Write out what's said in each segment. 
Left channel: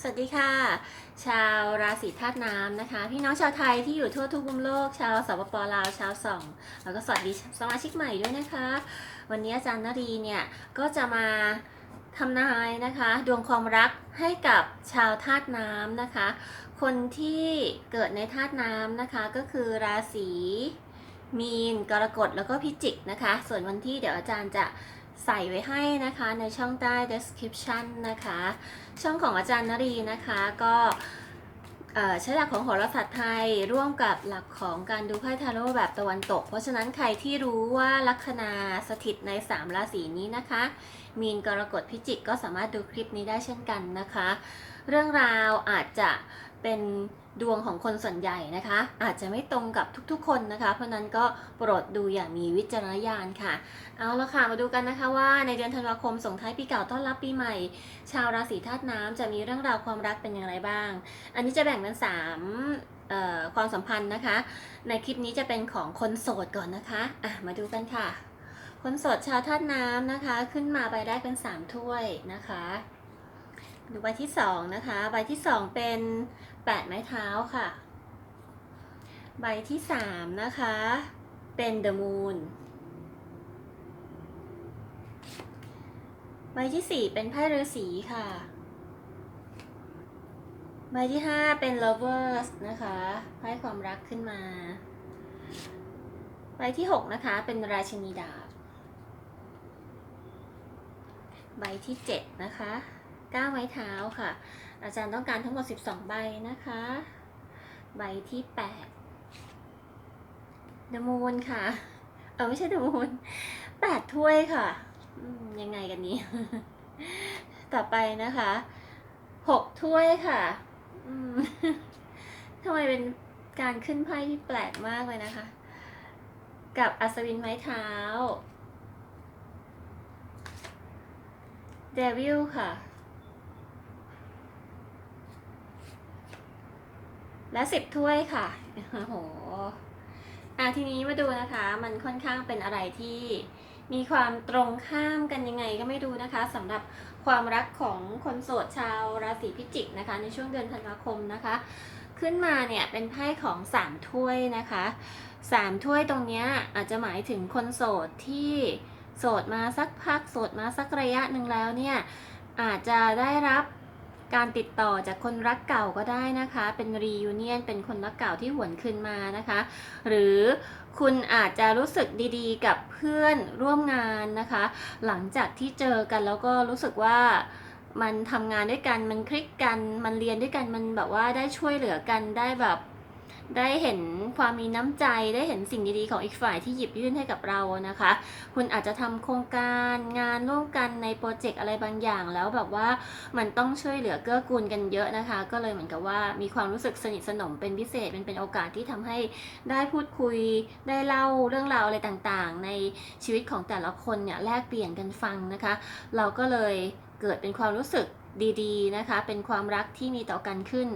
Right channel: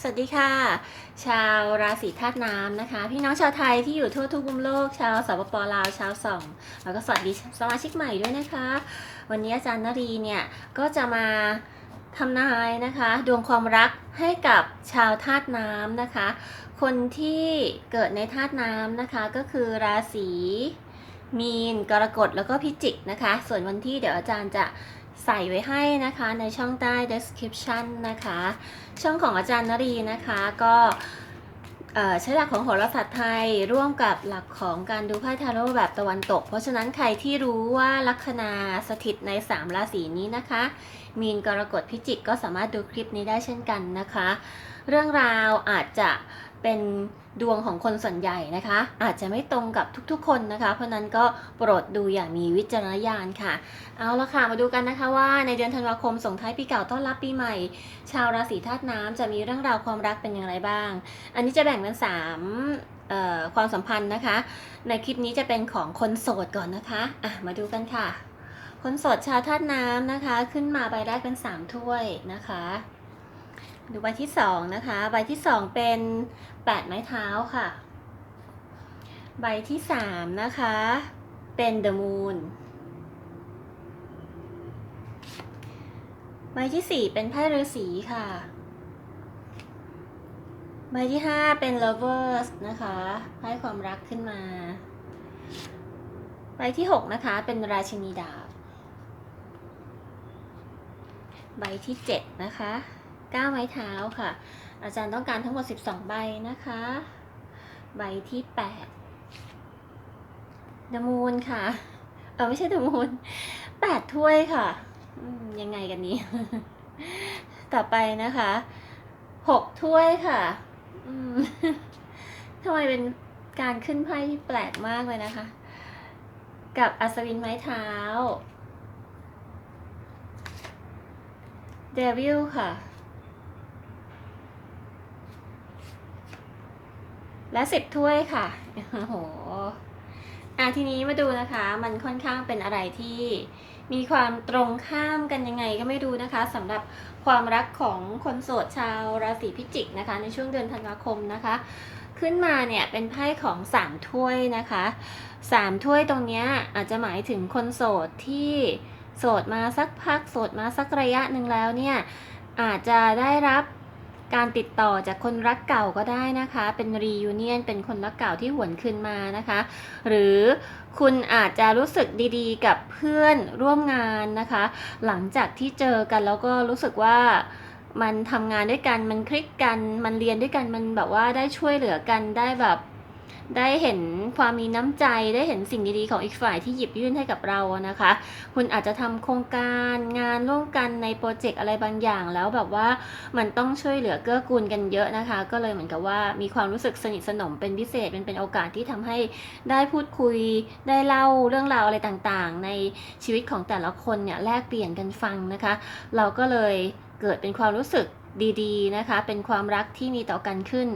สวัสดีค่ะ ชาวราศีธาตุน้ำนะคะ พี่น้องชาวไทยที่อยู่ทั่วทุกมุมโลก ชาวสปปลาวชาวส่อง แล้วก็สวัสดีสมาชิกใหม่ด้วยนะคะ วันนี้อาจารย์นรีเนี่ย ก็จะมาทำนายนะคะ ดวงความรักให้กับชาวธาตุน้ำนะคะ คนที่เกิดในธาตุน้ำนะคะก็คือราศีมีนกรกฎแล้วก็พิจิกนะคะ ส่วนวันที่เดี๋ยวอาจารย์จะ ใส่ไว้ให้นะคะในช่องใต้ description นะคะ ช่องของอาจารย์นรีนะคะก็ใช้หลักของโหราศาสตร์ไทยร่วมกับหลักของการดูไพ่ทาโร่แบบตะวันตก เพราะฉะนั้นใครที่รู้ว่าลัคนาสถิตใน 3 ราศีนี้นะคะ มีนกรกฎพิจิกก็สามารถดูคลิปนี้ได้เช่นกันนะคะ เรื่องราวอาจจะ เป็นดวงของคนส่วนใหญ่นะคะ อาจจะไม่ตรงกับทุกๆคนนะคะ เพราะนั้นก็โปรดดูอย่างมีวิจารณญาณค่ะ เอาละค่ะมาดูกันนะคะว่าในเดือนธันวาคมส่งท้ายปีเก่าต้อนรับปีใหม่ ชาวราศีธาตุน้ำจะมีเรื่องราวความรักเป็นอย่างไรบ้าง อันนี้จะแบ่งเป็นสามความสัมพันธ์นะคะ ในคลิปนี้จะเป็นของคนโสดก่อนนะคะอะมาดูกันค่ะ คนโสดชาวธาตุน้ำนะคะ ขึ้นมาใบแรกเป็นสามถ้วยนะคะ ดูใบที่สองนะคะ ใบที่สองเป็นแปดไม้เท้าค่ะ ใบที่สามนะคะ เป็น the moon ใบที่สี่เป็นไพ่ฤาษีค่ะ ใบที่ห้าเป็น lovers นะคะไพ่ความรักขึ้นมา ใบที่หกนะคะ เป็นราชินีดาบ ใบที่เจ็ดนะคะ ก้าไม้เท้าค่ะ อาจารย์ต้องการทั้งหมด 12 ใบนะคะ ใบที่8ดมูนค่ะ เออไม่ใช่ดมูน8ถ้วยค่ะ ยังไงกันนี้ ต่อไปนะคะ6ถ้วยค่ะทำไมเป็นการขึ้นไพ่ที่แปลกมากเลยนะคะ กับอัศวินไม้เท้าเดวิลค่ะ และสิบถ้วยค่ะโอ้โหอะทีนี้มาดูนะคะ มันค่อนข้างเป็นอะไรที่มีความตรงข้ามกันยังไงก็ไม่รู้นะคะสำหรับความรักของคนโสดชาวราศีพิจิกนะคะ ในช่วงเดือนธันวาคมนะคะ ขึ้นมาเนี่ยเป็นไพ่ของสามถ้วยนะคะสามถ้วยตรงนี้อาจจะหมายถึงคนโสดที่โสดมาสักพักโสดมาสักระยะหนึ่งแล้วเนี่ยอาจจะได้รับ การติดต่อจากคนรักเก่าก็ได้นะคะ เป็นรียูเนียนเป็นคนรักเก่าที่หวนคืนมานะคะ หรือคุณอาจจะรู้สึกดีๆ กับเพื่อนร่วมงานนะคะ หลังจากที่เจอกันแล้วก็รู้สึกว่ามันทำงานด้วยกัน มันคลิกกัน มันเรียนด้วยกัน มันแบบว่าได้ช่วยเหลือกัน ได้แบบ ได้เห็นความมีน้ำใจได้เห็นสิ่งดีๆของอีกฝ่ายที่หยิบยื่นให้กับเรานะคะ คุณอาจจะทำโครงการงานร่วมกันในโปรเจกต์อะไรบางอย่าง แล้วแบบว่ามันต้องช่วยเหลือเกื้อกูลกันเยอะนะคะ ก็เลยเหมือนกับว่ามีความรู้สึกสนิทสนมเป็นพิเศษมันเป็นโอกาสที่ทำให้ได้พูดคุยได้เล่าเรื่องราวอะไรต่างๆ ในชีวิตของแต่ละคนเนี่ยแลกเปลี่ยนกันฟังนะคะ เราก็เลยเกิดเป็นความรู้สึกดีๆนะคะ เป็นความรักที่มีต่อกันขึ้น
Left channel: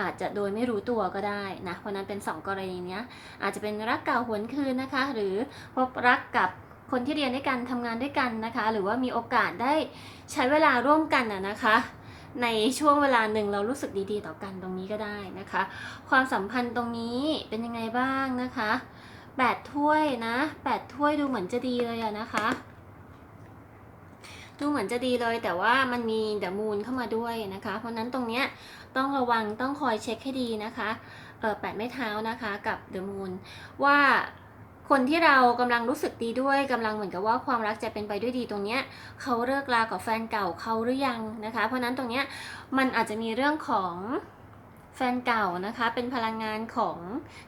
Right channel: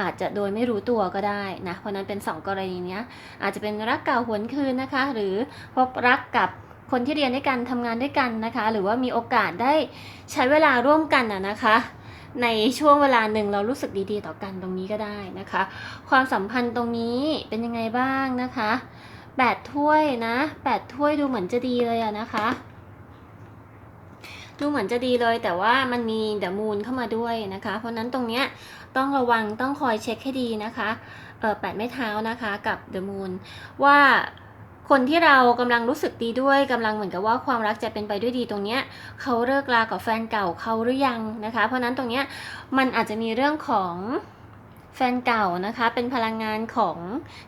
อาจจะโดยไม่รู้ตัวก็ได้นะเพราะนั้นเป็นสองกรณีเนี้ยอาจจะเป็นรักเก่าหวนคืนนะคะ หรือพบรักกับคนที่เรียนด้วยกันทำงานด้วยกันนะคะ หรือว่ามีโอกาสได้ใช้เวลาร่วมกันนะนะคะ ในช่วงเวลาหนึ่งเรารู้สึกดีๆ ต่อกันตรงนี้ก็ได้นะคะ ความสัมพันธ์ตรงนี้เป็นยังไงบ้างนะคะแปดถ้วยนะแปดถ้วยดูเหมือนจะดีเลยอะนะคะ ดูเหมือนจะดีเลยแต่ว่ามันมีเดมูนเข้ามาด้วยนะคะ เพราะนั้นตรงเนี้ย ต้องระวังต้องคอยเช็คให้ดีนะคะแปดไม้เท้านะคะกับเดอะมูนว่าคนที่เรากำลังรู้สึกดีด้วยกำลังเหมือนกับว่าความรักจะเป็นไปด้วยดีตรงเนี้ยเขาเลิกลากับแฟนเก่าเขาหรือยังนะคะ เพราะฉะนั้นตรงเนี้ยมันอาจจะมีเรื่องของแฟนเก่านะคะเป็นพลังงานของ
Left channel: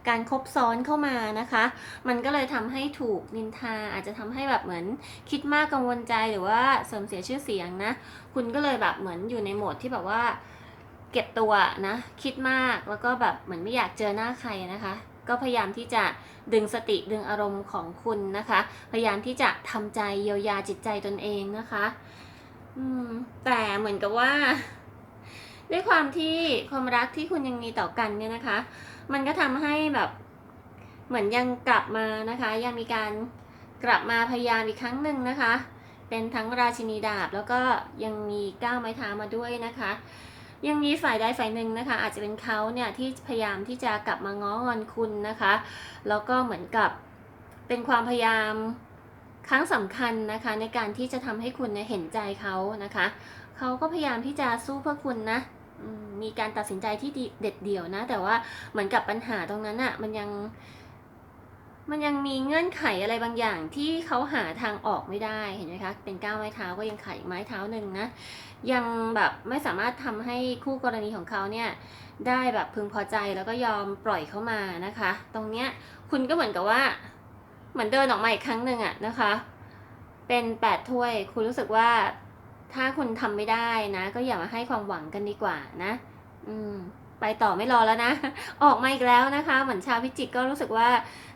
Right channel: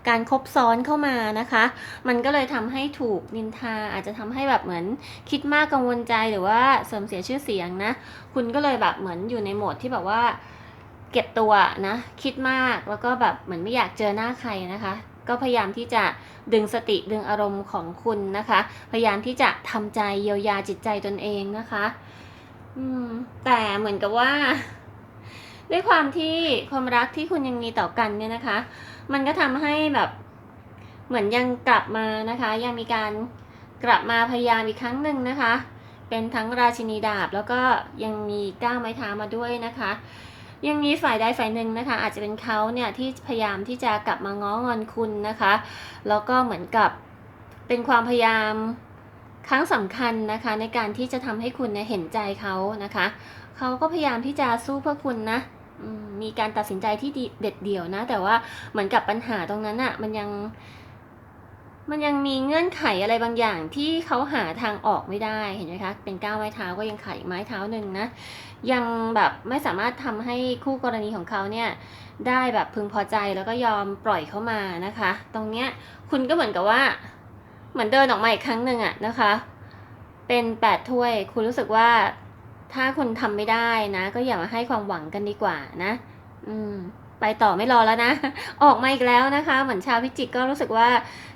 การคบซ้อนเข้ามานะคะ มันก็เลยทำให้ถูกนินทาอาจจะทำให้แบบเหมือนคิดมากกังวลใจหรือว่าเสื่อมเสียชื่อเสียงนะ คุณก็เลยแบบเหมือนอยู่ในโหมดที่แบบว่า เก็บตัวนะคิดมากแล้วก็แบบเหมือนไม่อยากเจอหน้าใครนะคะ ก็พยายามที่จะดึงสติดึงอารมณ์ของคุณนะคะ พยายามที่จะทำใจเยียวยาจิตใจตนเองนะคะอืมแต่เหมือนกับว่า ด้วยความที่ความรักที่คุณยังมีต่อกันเนี่ยนะคะ มันก็ทำให้แบบเหมือนยังกลับมานะคะ ยังมีการกลับมาพยายามอีกครั้งหนึ่งนะคะ เป็นทั้งราชินีดาบแล้วก็ยังมีก้าวไม้เท้ามาด้วยนะคะ ยังมีฝ่ายใดฝ่ายหนึ่งนะคะ อาจจะเป็นเขาเนี่ยที่พยายามที่จะกลับมาง้องอนคุณนะคะ แล้วก็เหมือนกับเป็นความพยายามครั้งสำคัญนะคะ ในการที่จะทำให้คุณเนี่ยเห็นใจเขานะคะเขาก็พยายามที่จะสู้เพื่อคุณนะมีการตัดสินใจที่เด็ดเดี่ยวนะ แต่ว่าเหมือนกับปัญหาตรงนั้นอะ่ะมันยัง มันยังมีเงื่อนไขอะไรบางอย่างที่เขาหาทางออกไม่ได้เห็นไหมคะ เป็นก้าวไม้เท้าก็ยังขาดอีกไม้เท้าหนึ่งนะยังแบบไม่สามารถทำให้คู่กรณีของเขาเนี่ยได้แบบพึงพอใจแล้วก็ยอมปล่อยเขามานะคะ ตรงเนี้ยคุณก็เหมือนกับว่า เหมือนเดินออกมาอีกครั้งหนึ่งอะนะคะ เป็นแปดถ้วยคุณรู้สึกว่าถ้าคุณทำไม่ได้นะ ก็อย่ามาให้ความหวังกันดีกว่านะ อืม ไปต่อไม่รอแล้วนะ ออกมาอีกแล้วนะคะ เหมือนชาวพิจิกก็รู้สึกว่า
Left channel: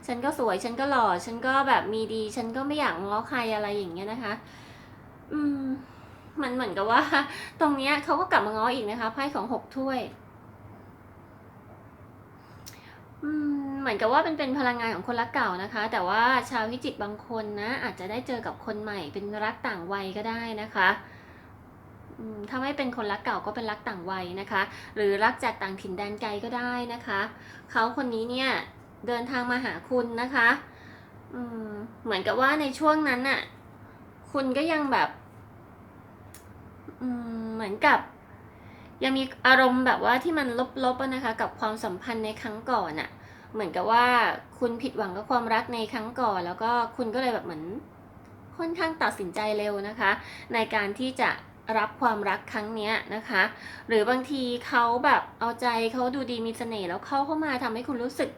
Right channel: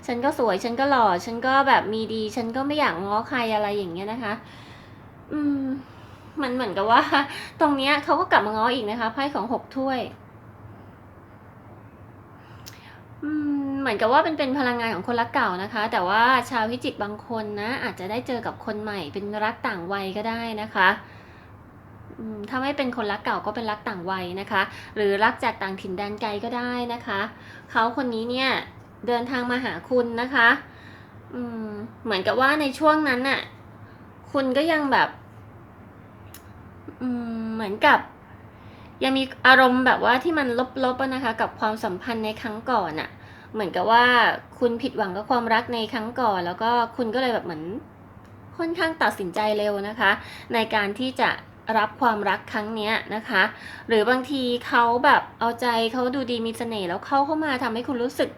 ฉันก็สวย ฉันก็หล่อ ฉันก็แบบมีดี ฉันก็ไม่อยากง้อใครอะไรอย่างเงี้ยนะคะ อืม มันเหมือนกับว่า ตรงเนี้ยเขาก็กลับมาง้ออีกนะคะไพ่ของหกถ้วย อืม เหมือนกับว่าเป็นเป็นพลังงานของคนรักเก่านะคะ แต่ว่าชาวพิจิกบางคนนะอาจจะได้เจอกับคนใหม่ เป็นรักต่างวัยก็ได้นะคะ ถ้าไม่เป็นคนรักเก่าก็เป็นรักต่างวัยนะคะ หรือรักจากต่างถิ่นแดนไกลก็ได้นะคะ เขาคนนี้เนี่ยเดินทางมาหาคุณนะคะอืมเหมือนกับว่าในช่วงนั้นน่ะ คุณก็ยังแบบอืมเหมือนกับ ยังมีอารมณ์แบบว่าที่มันลบๆนะคะ กับความสัมพันธ์ในครั้งก่อนอะเหมือนกับว่าคุณผิดหวังกับความรักในครั้งก่อน แล้วก็คุณก็เลยแบบเหมือนค่อนข้างตัดสินใจเร็วนะคะ ในการที่จะ รับความรักครั้งเนี้ยนะคะ หรือบางทีเขาแบบเอาใจเขาดูดีมีเสน่ห์แล้วเข้าเข้ามาทำให้คุณรู้สึก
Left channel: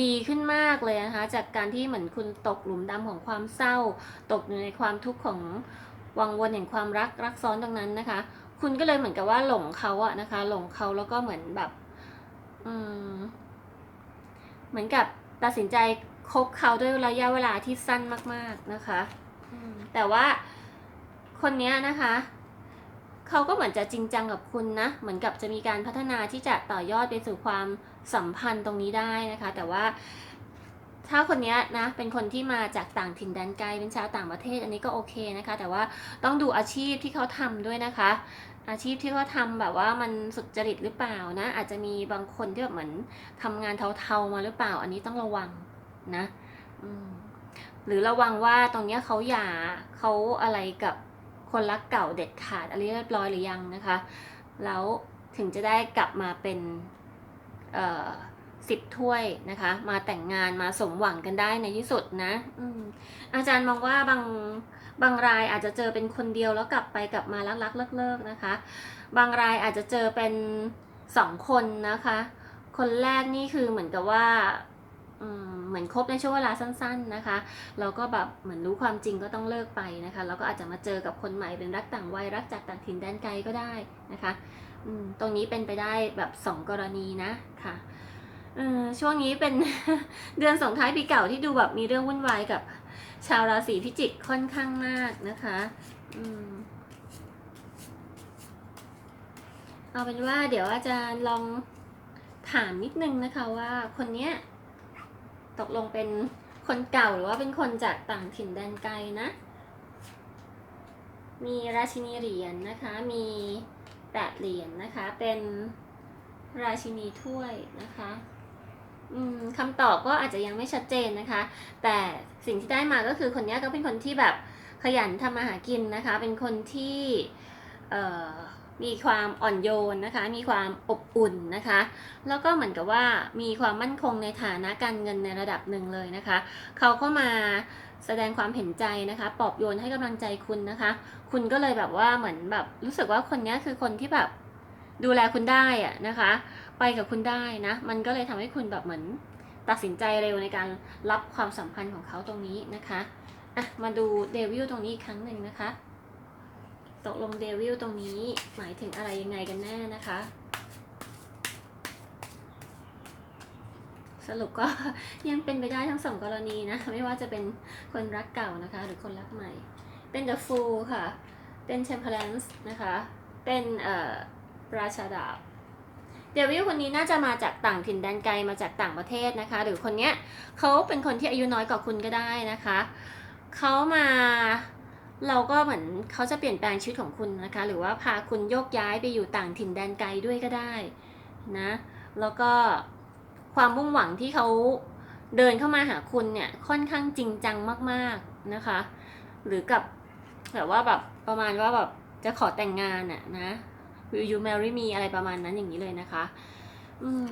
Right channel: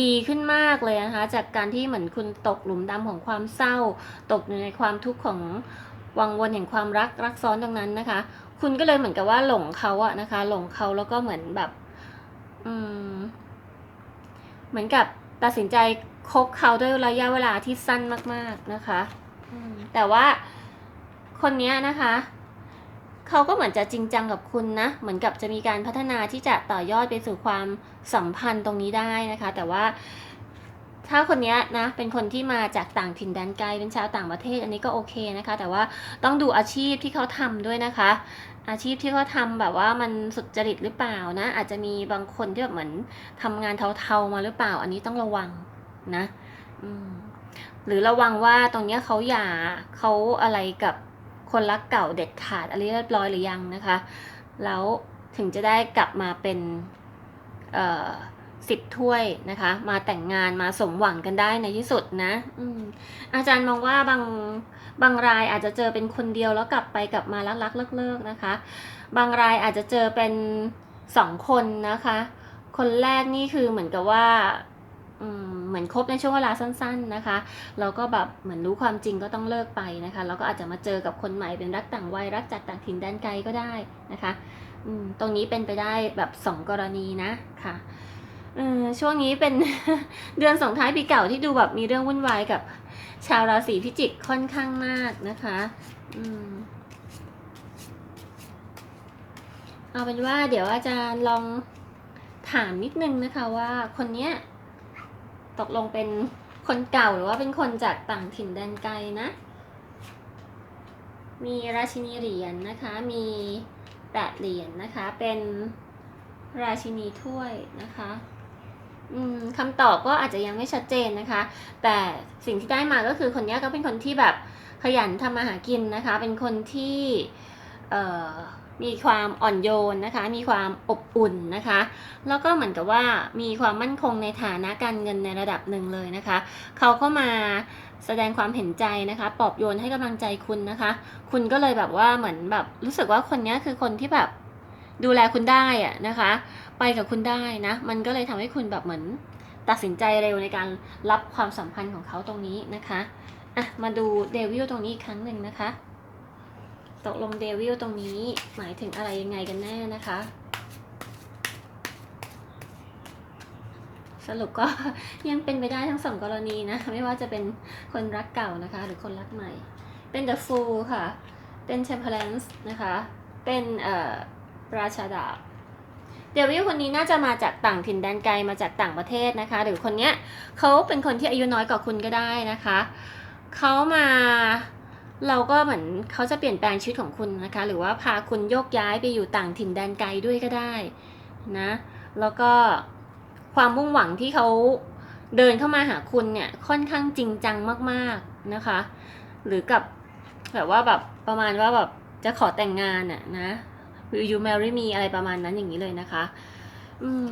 ดีขึ้นมากเลยนะคะ จากการที่เหมือนคุณตกหลุมดำของความเศร้า ตกอยู่ในความทุกข์ของวังวนแห่งความรักรักซ้อนตรงนั้นนะคะ คุณก็เลยเหมือนกับว่าหลงเขาอะนะคะ หลงเขาแล้วก็เหมือนแบบอืมเหมือนกับตัดสินใจคบเขาด้วยระยะเวลาที่สั้นมาก ๆนะคะอืมแต่ว่าคนเนี้ยนะคะ เขาก็เหมือนจะจริงจังกับคุณนะ เหมือนกับจะมีการพัฒนาที่จะต่อยอดไปสู่ความสัมพันธ์ตรงนี้ได้นะคะ แต่ว่าถ้าคนนี้นะเป็นคนที่มาจากต่างถิ่นแดนไกลเป็นชาวต่างประเทศอันนี้ก็โอเคนะคะ แต่ว่าต้องดูอาชีพที่เขาทำด้วยนะคะ อาชีพที่เขาทำแบบว่ามันสุจริตหรือเปล่านะ อาจจะมีบางคนที่แบบเหมือนทำงานเทาๆมาหรือเปล่า อันนี้ต้องระวังนะหรือระวังว่าตรงนี้เขาหย่าเขาอะไรกับ คนรักเก่าเด็ดขาดอะไรเรียบร้อยหรือยังนะคะ แล้วถึงจะได้กลับมาเป็นสิบถ้วยนะคะ มาแต่งงานมาสมหวังกันได้ในที่สุดนะอืมอาจารย์มองว่าบางบางรายอาจจะเจอเป็นคนเดียวแล้วกลับไปกลับมารักรักเลิกเลิกๆนะคะ บางรายอาจจะเจอเป็นสองคนนะคะ คนแรกนี่คือเหมือนกับว่า เหมือนคบในช่วงเวลาสั้น ๆนะคะแล้วก็แบบเหมือนรู้ความจริงก็ต้องเลิกไปนะคะแล้วก็อาจจะมาเจอกับคนใหม่เป็นรักต่างวัยรักจากต่างถิ่นแดนไกลก็ได้นะคะตรงนี้เป็นไปได้แบบสองกรณีนะค่ะช่วงนี้เป็นเดือนส่งท้ายปีเก่าที่ดูแบบมีเรื่องวุ่นวายกับชาวราศีพิจิกค่อนข้างมากนะคะอเอาเป็นว่าเดี๋ยวอาจารย์ลองถามนิดนึงนะคะว่าคนเนี้ย ตกลงเป็นคนเก่าหรือว่าเป็นคนจากต่างถิ่นแดนไกลนะ มีราชินีเหรียญนะคะ มีแปดเหรียญนะคะ เป็นราชินีถ้วยนะคะอืมคำตอบก็อาจจะยังไม่ชัดเจนนะคะ แต่สิ่งที่ได้มาก็คือคนนี้ก็เป็นคนที่แบบขยันทำมาหากินนะคะ เป็นคนที่ เอ่อ มีความอ่อนโยนนะคะ มีความอบอุ่นนะคะ แล้วก็เหมือนกับว่ามีความมั่นคงในฐานะการเงินในระดับหนึ่งเลยนะคะ เขาเข้ามาแสดงความเห็นใจนะคะปอบโยนให้กำลังใจคุณนะคะ คุณก็เลยแบบว่าเหมือนแบบรู้สึกว่าคนนี้คือคนที่แบบดูแลคุณได้อะนะคะ ไปกับคุณได้นะ มันก็เลยทำให้คุณแบบเหมือนตัดสินใจเร็วในการรับความสัมพันธ์ของเขาตรงนี้นะคะอะมาดูเดวิลตรงนี้อีกครั้งหนึ่งนะคะ ตกลงเดวิลตรงนี้หมายถึงอะไรยังไงกันแน่นะคะ สรุปก็ยังเป็นไปได้ทั้งสองกรณีนะ ไม่ว่าจะเป็นคนรักเก่านะคะ หรือคนรักใหม่ เป็น The Fool ค่ะ เป็น Temperance นะคะ เป็นเอ่อราชาดาบเดวิลคนนี้น่าจะมาจากต่างถิ่นแดนไกลมาจากต่างประเทศนะคะ หรือคนเนี้ยเขาเป็นคนที่อายุน้อยกว่าคุณก็ได้นะคะเขามา เราก็เหมือนเขาจะเปลี่ยนแปลงชีวิตของคุณนะคะ หรือว่าพาคุณโยกย้ายไปอยู่ต่างถิ่นแดนไกลด้วยก็ได้นะแล้วก็ความมุ่งหวังที่เขาเดินเข้ามาหาคุณเนี่ยค่อนข้างจริงจังมากๆนะคะ หรือกับแบบว่าแบบประมาณว่าแบบจะขอแต่งงานอะนะ Will you marry me อะไรประมาณนั้นอย่างนี้เลยนะคะ อืม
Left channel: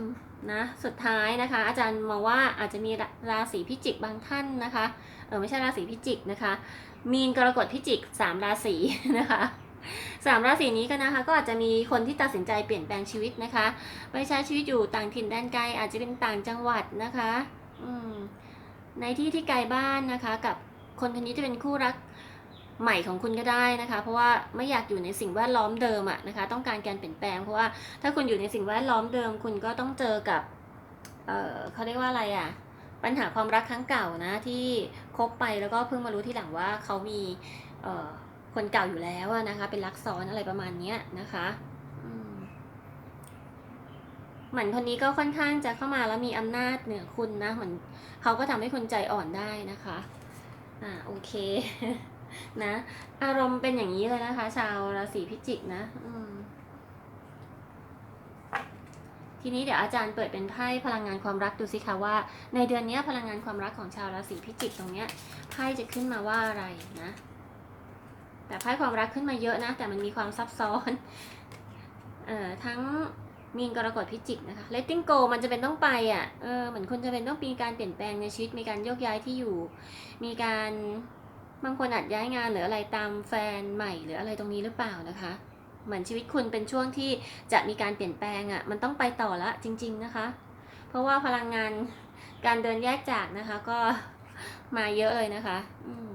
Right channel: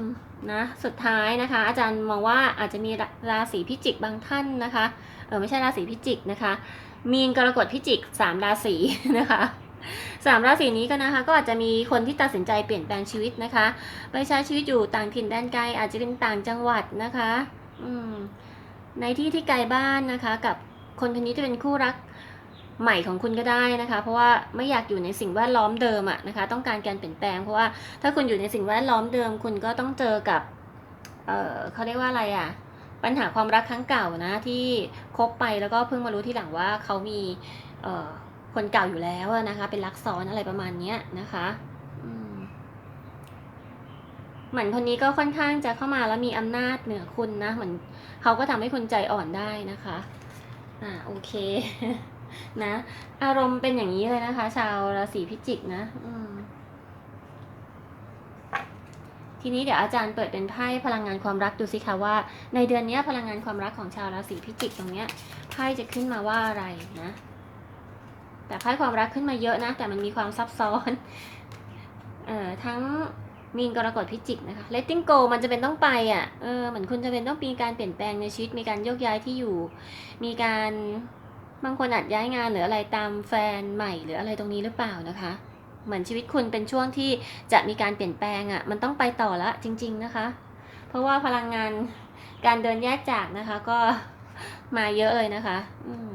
นะ สุดท้ายนะคะ อาจารย์มองว่าอาจจะมีราราศีพิจิกบางท่านนะคะ เออไม่ใช่ราศีพิจิกนะคะ มีนกรกฎพิจิกสามราศีนะคะสามราศีนี้ก็นะคะก็อาจจะมีคนที่ตัดสินใจเปลี่ยนแปลงชีวิตนะคะไปใช้ชีวิตอยู่ต่างถิ่นแดนไกลอาจจะเป็นต่างจังหวัดนะคะอืมในที่ที่ไกลบ้านนะคะ กับคนคนนี้จะเป็นคู่รักใหม่ของคุณก็ได้นะคะ เพราะว่าไม่อยากอยู่ในสิ่งแวดล้อมเดิมอะนะคะ ต้องการการเปลี่ยนแปลงเพราะว่าถ้าคุณอยู่ในสิ่งแวดล้อมเดิม คุณก็ต้องเจอกับเออเขาเรียกว่าอะไรอะ ปัญหาความรักครั้งเก่านะที่คบไปแล้วก็เพิ่งมารู้ที่หลังว่าเขามีเคนเก่าอยู่แล้วนะคะเป็นรักซ้อนอะไรประมาณเนี้ยนะคะเหมือนคนนี้ก็ค่อนข้างจะเข้ามาแล้วมีอำนาจเหนือคุณนะเหมือนเขาก็ทำให้คุณใจอ่อนได้นะคะอ่าโอเคนะ อารมณ์เป็นอย่างนี้เลยนะคะ ชาวราศีพิจิกนะอืม ทีนี้เดี๋ยวอาจารย์เปิดเป็นไพ่พลังงานความรักดูสิคะว่า ในเดือนนี้พลังงานความรักของชาวราศีพิจิกตรงเนี้ยไพ่จะขึ้นมาว่าอะไรนะ แต่ไพ่ความรักขึ้นมาเยอะนะ แต่มันมีความซับซ้อนเอ่อทั้งมีนกรกฎพิจิกนะคะ letting go มันจะเป็นต้องไปอะเออเหมือนคุณจะเป็นต้องมีการเปลี่ยนแปลงในชีวิตมีการโยกย้ายที่อยู่ มีการบางคนอาจย้ายงานหรืออะไรตามแฟนใหม่หรืออะไรตรงนี้หรือเปล่านะคะ เหมือนชีวิตคุณเป็นช่วงที่จะมีการเปลี่ยนแปลงอะ่ะ มันต้องไปต่อละจริง ๆนะคะ เพราะว่าพลังงานการเดินแยกจากนะคะก็มาเยอะเลยนะคะ อืม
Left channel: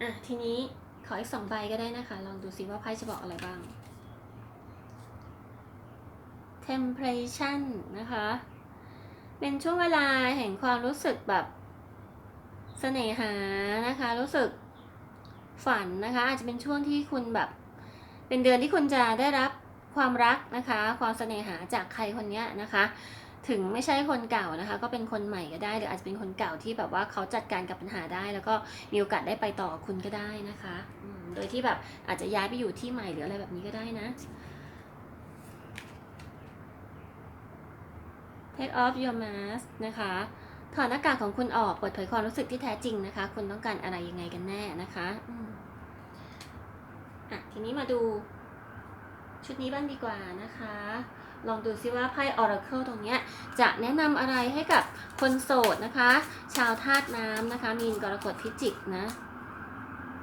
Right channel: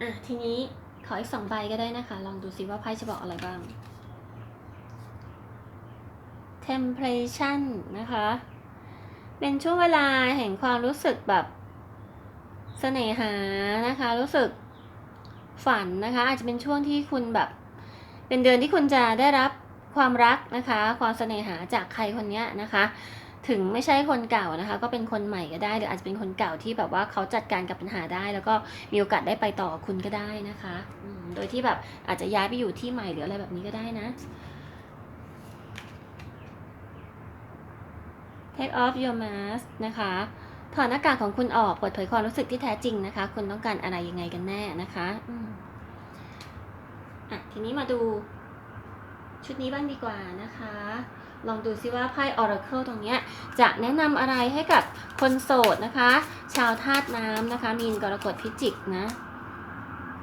อะทีนี้ขออีกสองใบก็ได้นะคะ ลองดูซิว่าไพ่จะบอกอะไรบ้าง temptation นะคะ เป็นช่วงเวลาแห่งความรู้สึกแบบเสน่หานะคะ รู้สึก ฝันนะคะ อาจจะเป็นช่วงที่คุณแบบ เป็นเดือนที่คุณจะได้รับความรักนะคะ ความเสน่หาจากใครคนนี้นะคะ ถึงไม่ใช่คนเก่านะคะ ก็เป็นคนใหม่ก็ได้หรืออาจจะเป็นคนเก่าที่แบบว่าเขาจัดการกับปัญหาได้ แล้วก็มีโอกาสได้ไปต่อคุณก็ได้นะคะโดยที่แบบอาจจะย้ายไปอยู่ที่ใหม่หรืออะไรแบบนี้ก็ได้นะ take off your mask นะคะ ถอดหน้ากากของคุณออกเปิดเผยความรู้สึกที่แท้จริงนะคะ คุณต้องการอะไรยังไงกันแน่นะคะอะทีนี้มาดูชุดนี้บ้างดีกว่านะคะ ลองดูซิว่าไพ่ Oracle ตรงนี้จะแนะนำอะไรให้กับคนโสดนะคะ ชาวธาตุน้ำนะคะ มีนกรกฎพิจิกนะ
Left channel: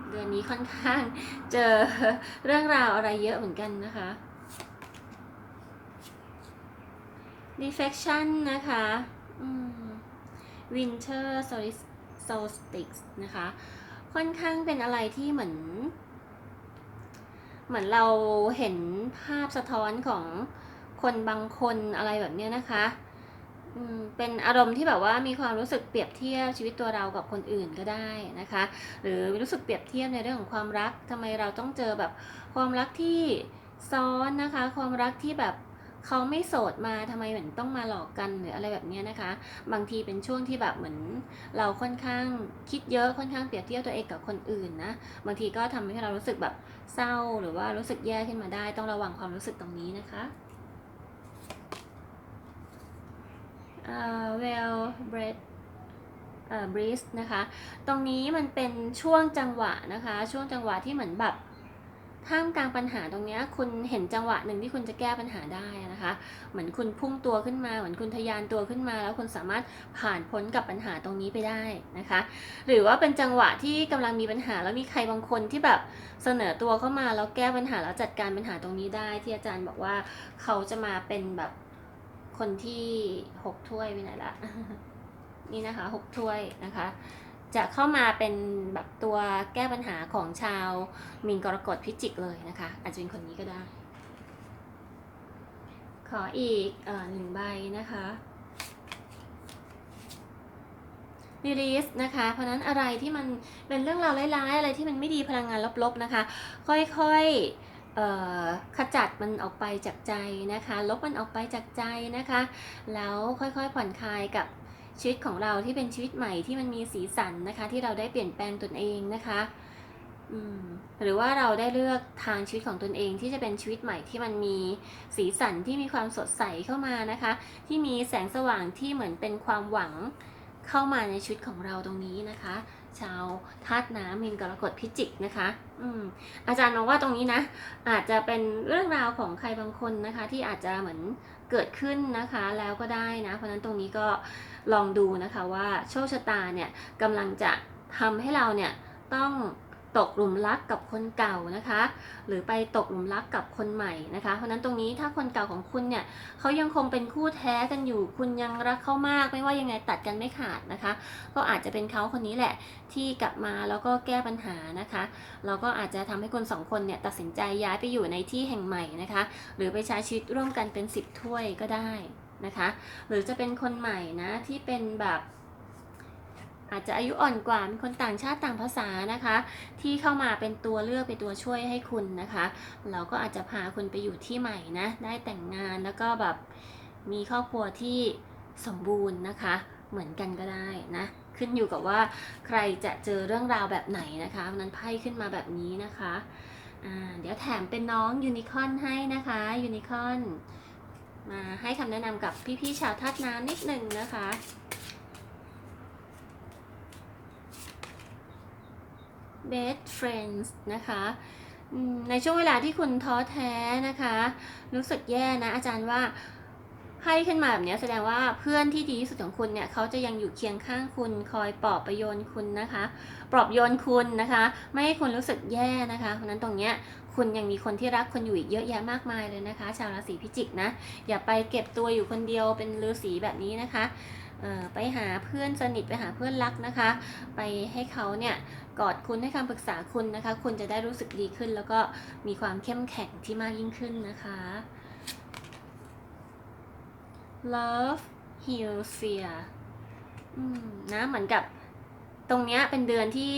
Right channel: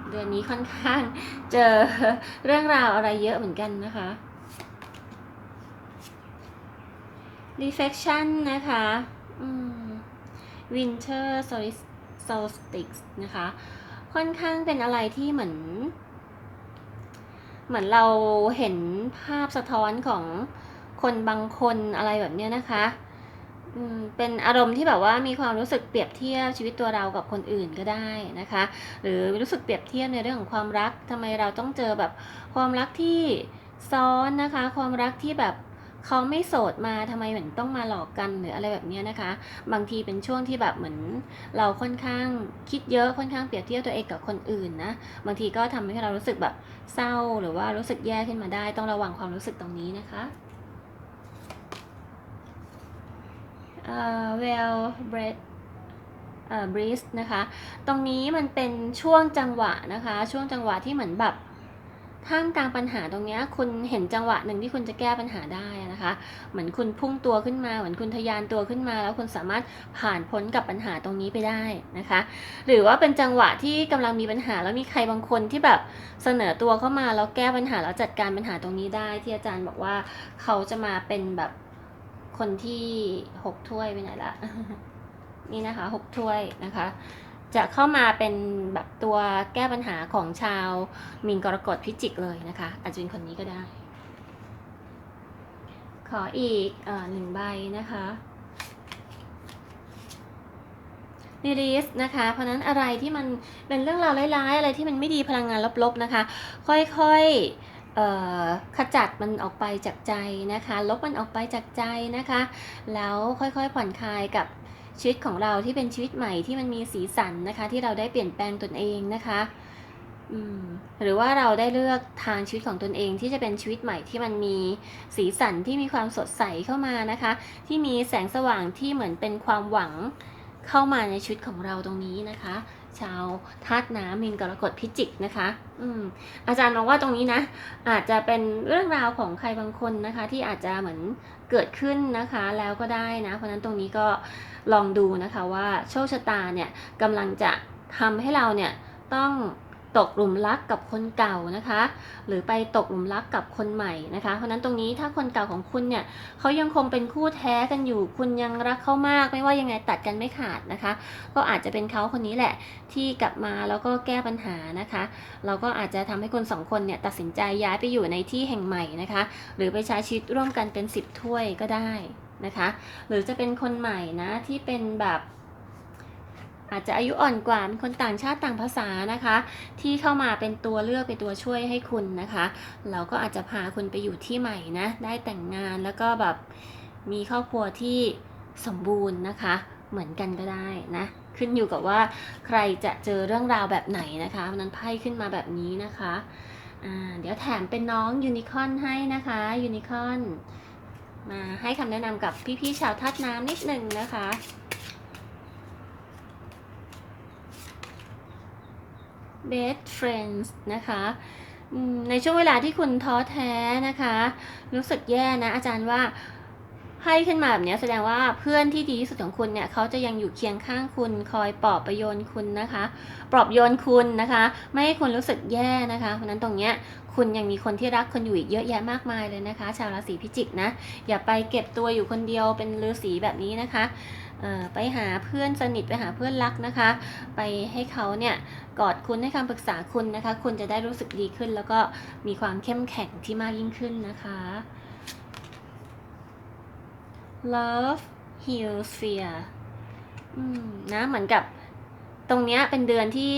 เดือนนี้ค่อนข้างเจอเรื่องราวอะไรเยอะเหมือนกันนะคะ reflection นะคะ อืม winter Solstice นะคะ ค่อนข้างเป็นอะไรที่เหมือน เหมือนเราเห็นภาพสะท้อนของคนบางคนอะไรแบบเนี้ยนะคะเป็นอารมณ์ที่แบบว่ามีความรู้สึกเปรียบเทียบชีวิตตัวเรากับคนอื่นก็ได้นะคะ หรือรู้สึกเปรียบเทียบในเรื่องของความรักทำไมเราต้องเจอแบบความรักที่ซ้อนนะคะ ความรักที่แบบ เขาไม่โสดมาทำไมเหมือนต้องมาหลอกกันหรืออะไรแบบนี้นะคะ บางทีเป็นช่วงที่แบบเหมือนเราค่อนข้างคิดเยอะค่อนข้างเปรียบเทียบตัวเองกับคนอื่นนะบางทีก็ทำให้เรารู้สึกแบบเศร้าหรือว่ารู้สึกแย่ขึ้นมาได้ ต้องระวังความรู้สึกตรงนี้นะคะเอ่อ well bred เอ่อ breeze นะคะ ตรงนี้มันเป็นช่วงจังหวะนะคะ ช่วงจังหวะที่เหมือนแบบ ท่ามกลางปัญหาตรงนี้คุณเห็นจังหวะหนึ่งที่คุณจะแก้ปัญหาได้นะคะ เหมือนคุณพุ่งตัวขึ้นมา เหมือนคุณทะยานตัวขึ้นมา แล้วคุณสามารถผ่านพ้นกับปัญหาตรงนี้ไปได้นะคะ หรือว่าเป็นจังหวะที่กำลังมีปัญหาแล้วมีใครบางคนที่แบบเสนอตัวเข้ามาแล้วแก้ปัญหาแล้วจัดการปัญหาตรงนี้ได้ ที่อาจารย์บอกว่าเขาจะมาเป็นแบบคนที่หกถ้วยไปไหนละนี่นะคะหกถ้วยนะคะ จะเข้ามาเป็นแบบตัวแก้ปัญหาของชาวมีนกรกฎพิจิกเลยนะคะ อาจจะเป็นคนนี้ก็ได้ ขออีกอหนึ่งใบนะคะนิริสนะคะ เพราะนั้นอะไรที่มันเป็นเรื่องราวร้ายๆ อะไรที่มันไม่ดีพลังงานลบๆนะคะ ค่อยๆขจัดมันออกไปจากใจนะคะ ลบมันออกไปจากใจนะคะ แล้วค่อยๆผ่อนคลายกับ ชีวิตของเราที่เป็นชีวิตใหม่ที่มันมีสีสันนะคะ ที่เราได้เปลี่ยนแปลงตนเองนะคะหรือว่าเราได้เลือกทางชีวิตของตนเองที่จะเป็นชีวิตใหม่ที่มันมีสีสันที่มีความสดใสเข้ามานะคะ ที่มีแสงสว่างที่เหมือนเป็นความหวังเข้ามาในชีวิตของเราตรงนี้นะคะ ชาวธาตุน้ำมินกรกฎพิจิกนะคะ อืมอาจารย์มองว่าตรงนี้นะ อาจจะเป็นเรื่องราวของใครบางคนนะคะ ที่อาจจะเหมือน เกิดขึ้นนะคะแล้วก็ได้นะ เพราะนั้นตรงนี้ก็ลองดูนะคะว่าโชคชะตาเนี่ยกำลังจะทำให้เราเนี่ยต้อง ตกหลุมรักกับคนเก่านะคะ หรือไปตกหลุมรักกับคนใหม่นะคะ เพราะนั้นตรงนี้ถ้าคนเก่าของคุณเนี่ยเขายังคงเป็นคู่แท้กันอยู่ คุณยังรักเขามากไม่ว่ายังไงตัดกันไม่ขาดนะคะ ก็อาจจะเป็นเขาคนนี้แหละที่กลับมาแล้วก็แก้ปัญหานะคะเราก็อาจจะทำให้คนสองคนเนี่ยตัดสินใจย้ายไปอยู่ในที่แห่งใหม่นะคะ หรือไปใช้ชีวิตร่วมกันเป็นสิบถ้วยก็ได้นะคะ หรือจะเป็นคนใหม่นะที่เป็นแบบ อาจจะอายุอ่อนกว่าเป็นคนต่างชาติต่างภาษานะคะ ที่เข้ามาเป็นตัวเลือกเป็นตัวช่วยให้คุณนะคะ เราก็อาจจะพาคุณไปอยู่ที่ใหม่นะ ได้แต่งงานแล้วก็แบบมีครอบครัวที่สมบูรณ์นะคะ เหมือนกันก็ได้นะขึ้นอยู่กับว่าใครจะเจอเรื่องราวแบบไหนนะคะนั้นไพ่ขึ้นมาแบบนี้นะคะเดี๋ยวแถมเป็นน้องยูนิคอร์นให้นะคะยูนิคอร์นมาให้คำแนะนำกับพี่ๆชาวธาตุน้ำนิดหนึ่งนะคะ best friends นะคะในช่วงเวลาที่คุณท้อแท้นะคะ รู้สึกแย่นะอาจารย์ว่าให้ขึ้นมาแบบนี้แสดงว่าเพื่อนที่ดีที่สุดของคุณเนี่ยเขาจะยังอยู่เคียงข้างคุณคอยปลอบประโยนคุณนะคะ ปลอบโยนคุณนะคะ ไม่ให้คุณรู้สึกแย่นะคะเพราะนั้นตรงเนี้ยคุณยังมีคนที่รักคุณอยู่อีกเยอะแยะมากมายเลยนะคะ ชาวราศีพิจิกนะอย่าไปเก็บตัวอยู่คนเดียวเป็นฤาษีแบบนี้นะคะ ไปหาเพื่อนสนิทไปหาเพื่อนรักนะคะ ไปให้เขาเนี่ยกอดคุณให้คำปรึกษาคุณนะคะ คุณจะได้รู้สึกดีขึ้น แล้วก็มีความเข้มแข็งที่มากยิ่งขึ้นนะคะ love heals fear นะเหมือนกับตรงเนี้ยเป็นเดือนที่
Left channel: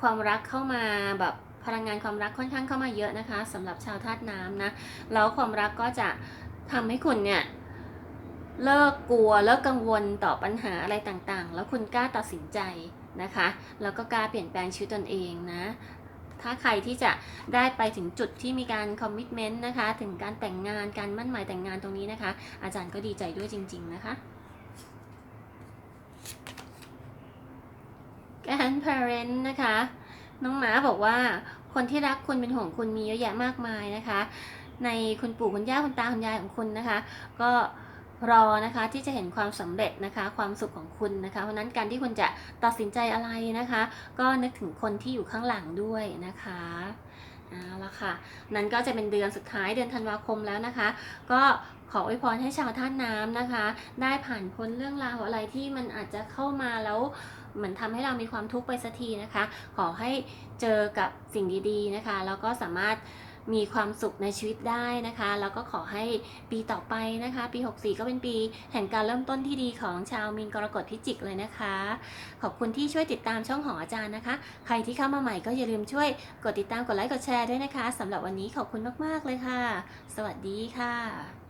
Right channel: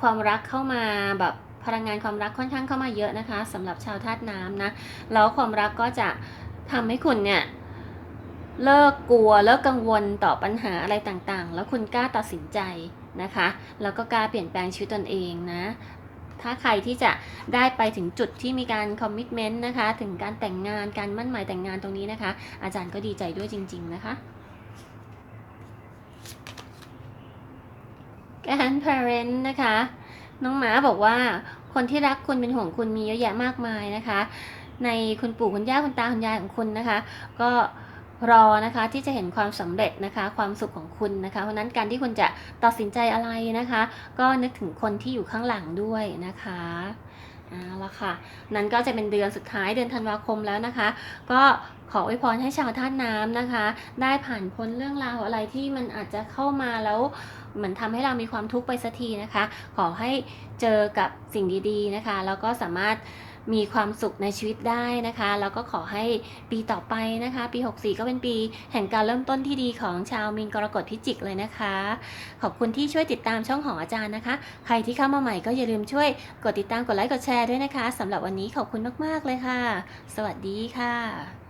ความรักเข้ามาแบบพลังงานความรักค่อนข้างเข้ามาเยอะนะคะสำหรับชาวธาตุน้ำนะแล้วความรักก็จะทำให้คุณเนี่ย เลิกกลัวเลิกกังวลต่อปัญหาอะไรต่างๆ แล้วคุณกล้าตัดสินใจนะคะ แล้วก็กล้าเปลี่ยนแปลงชีวิตตนเองนะ ถ้าใครที่จะได้ไปถึงจุดที่มีการคอมมิชเมนต์นะคะ ถึงการแต่งงานการมั่นหมายแต่งงานตรงนี้นะคะ อาจารย์ก็ดีใจด้วยจริง ๆ นะคะ grandparent นะคะ น้องหมาบอกว่าคนที่รักคุณเป็นห่วงคุณมีเยอะแยะมากมายนะคะ ในคุณปู่คุณย่าคุณตาคุณยายของคุณนะคะ ก็ รอนะคะที่จะเห็นความสำเร็จนะคะความสุขของคุณนะคะ เพราะนั้นการที่คุณจะตัดสินใจอะไรนะคะ ก็นึกถึงคนที่อยู่ข้างหลังด้วยนะคะเอาละค่ะ นั้นก็จะเป็นเดือนสุดท้ายเดือนธันวาคมแล้วนะคะ ก็ขออวยพรให้ชาวท่าตุน้ำนะคะ ได้ผ่านพ้นเรื่องราวอะไรที่มันอาจจะเข้ามาแล้วเหมือนทำให้เรามีความทุกข์ไปสักทีนะคะ ขอให้เจอกับสิ่งดีๆนะคะ แล้วก็สามารถ มีความสุขในชีวิตได้นะคะ แล้วก็ขอให้ปีต่อไปนะคะ ปี 64 ก็เป็นปี แห่งการเริ่มต้นที่ดีของชาวมีนกรกฎพิจิกเลยนะคะ ขอบคุณที่ช่วยติดตามช่องของอาจารย์นะคะ ใครที่เข้ามาใหม่ก็อย่าลืมช่วยกดติดตามกดไลค์กดแชร์ด้วยนะคะสำหรับวันนี้ขอบคุณมาก ๆ เลยค่ะ สวัสดีค่ะ